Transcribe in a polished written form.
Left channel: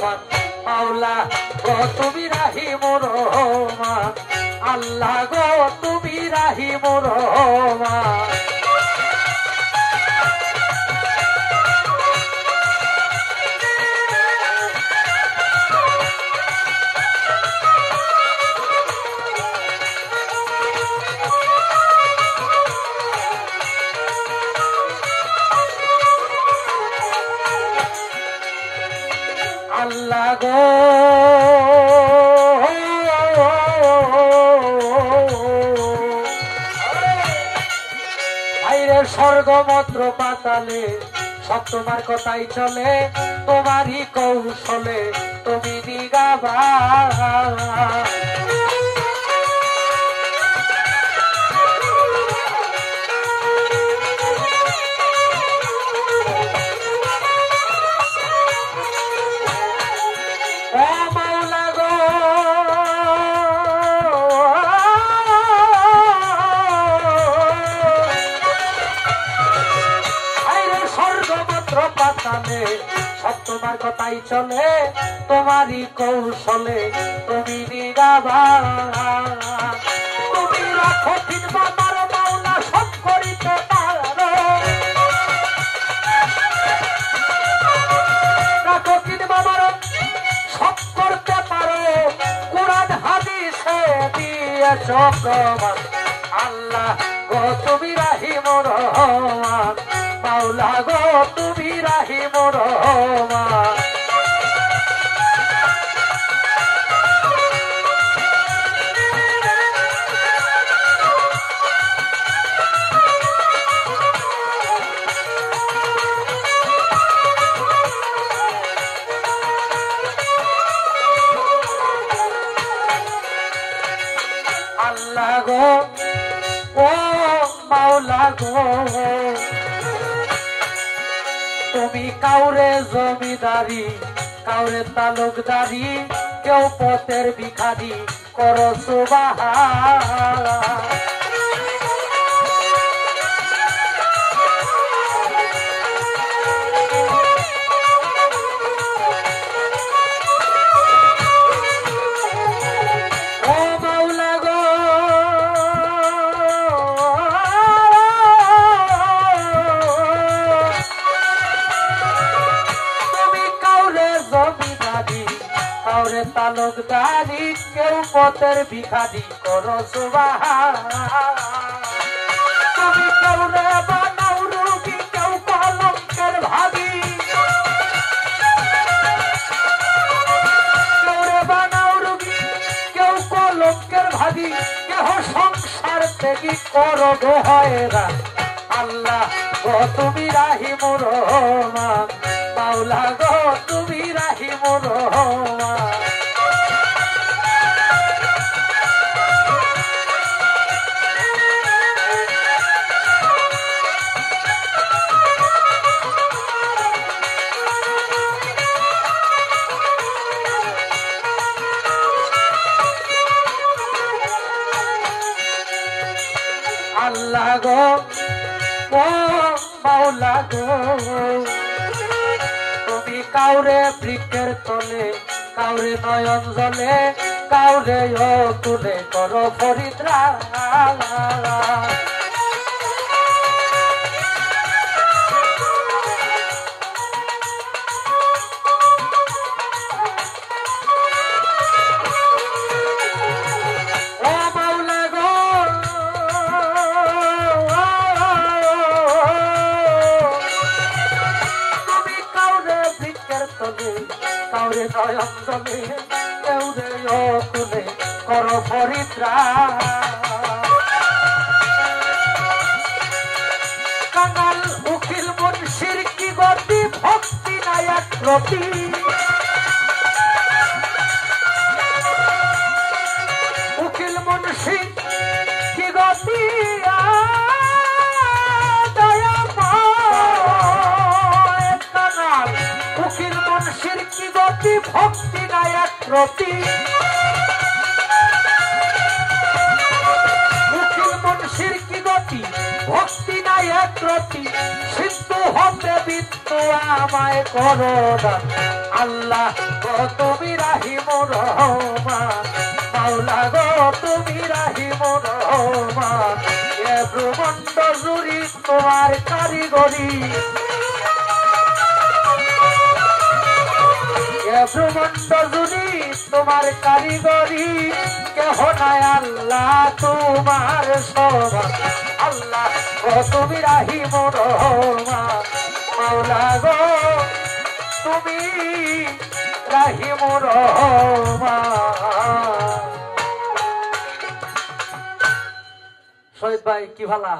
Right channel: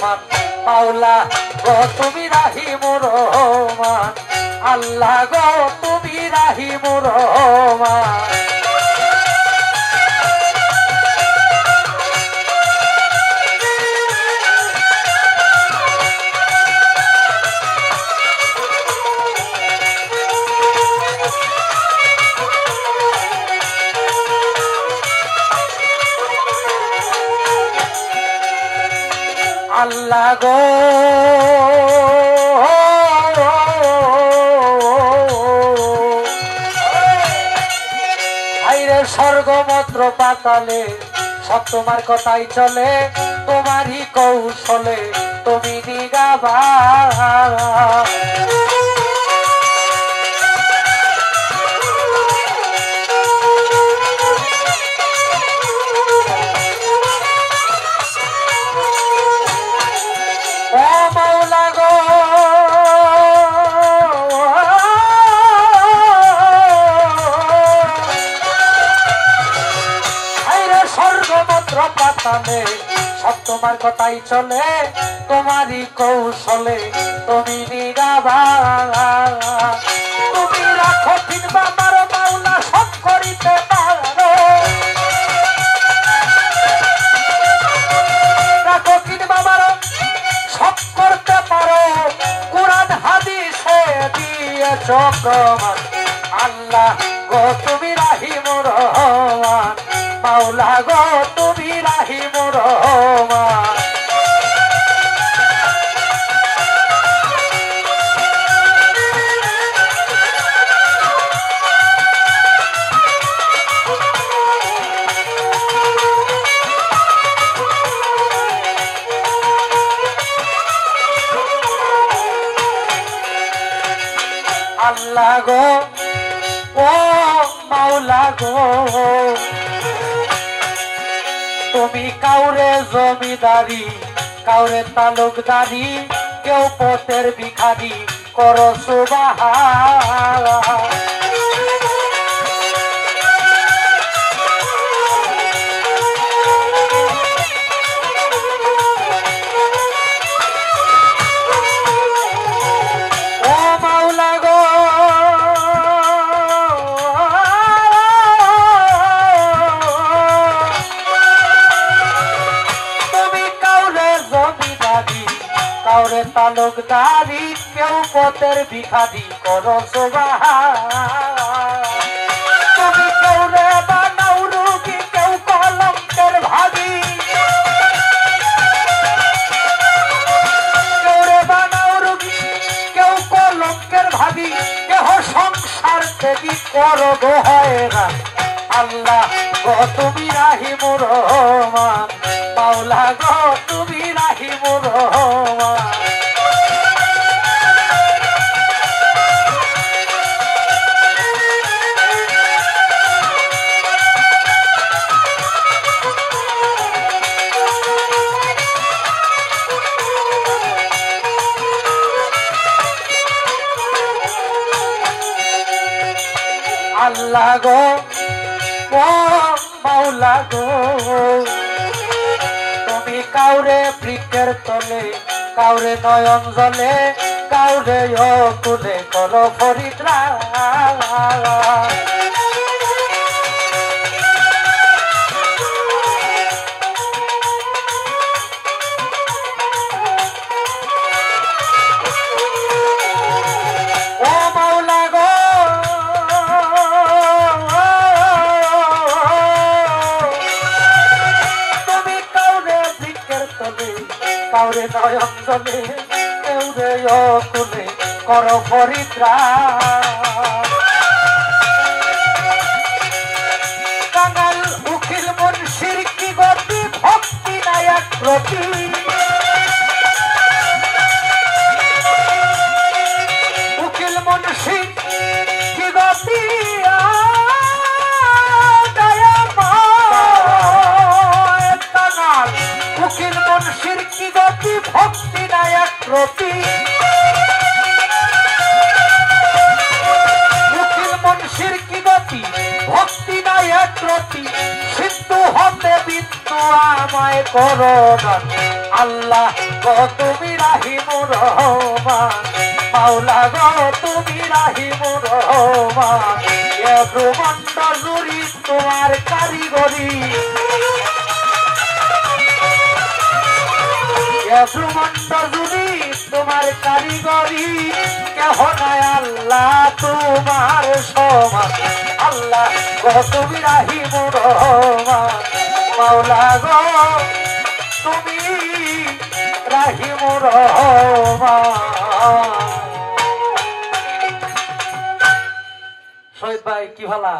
রহমান মাওলা গো তুমি রাহিমুর রহমান আল্লাহ গো তুমি রাহিমুর রহমান আল্লাহ গো আইরে স্বর্গমন্ত্র পাতালে সব তোমার কথাই চলে তোমারই কৌশলে তুমি নিগাবা সব তোমার কথাই চলে তোমারই কৌশলে তুমি নিগাবা তুমি রাখো কিনবা মারো মাওলা সব করিতে পারো রাখো কিনবা মারো সব করতে পারো কোরআন হাদিসে দিয়েছ প্রমাণ আল্লাহ গো তুমি রাহিমুর রহমান মাওলা গো তুমি রাহিমুর রহমান আল্লাহ গো ও মাওলা গো তুমি কাউরে জমিদারি কাউরে তালুকদারি কেউ পথের ভিখারি করো সুবহান কাউরে তালুকদারি কেউ পথের ভিখারি করো সুবহান তুমি কাউরে বানাও রোগী কেউ কলঙ্কের ভাগী কাউরে বানাও রোগী কেউ কলঙ্কের ভাগী কেহ সংসার থেকে করো গো হয়রান আল্লাহ গো তুমি রাহিমুর রহমান মাওলা গো তুমি রাহিমুর রহমান আল্লাহ গো ও মাওলা গো তুমি কাউরে বৃক্ষের তলে কাউরে নয়ন জলে কাউরে কুলে করো ফরিদ্রা কাউরে নয়ন জলে কেউরে কুলে করো পরিত্রা কাঙাল উকিল মুন্সির কি গতি ভক্তি নায়ক প্রতি উকিল মুন্সির কি গতি উকিল মুন্সির কি গতি ভক্তি নায়ক প্রতি উকিল মুন্সির কি গতি ভক্তি নায়ক প্রতি সিন্ধু হতে বিন্দু আমায় করো আল্লাহ গো তুমি রাহিমুর রহমান মাওলা গো তুমি রাহিমুর রহমান এ ব্রহ্মাণ্ড জুড়ি তোমার কারিগরি এ ব্রহ্মাণ্ড জুড়ি তোমার কারিগরি কেহ নাই আল্লাহ তোমার সমান আল্লাহ গো তুমি রাহিমুর রহমান মাওলা গো তুমি রাহিমুর রহমান। শহীদ ভাই কি ভালা।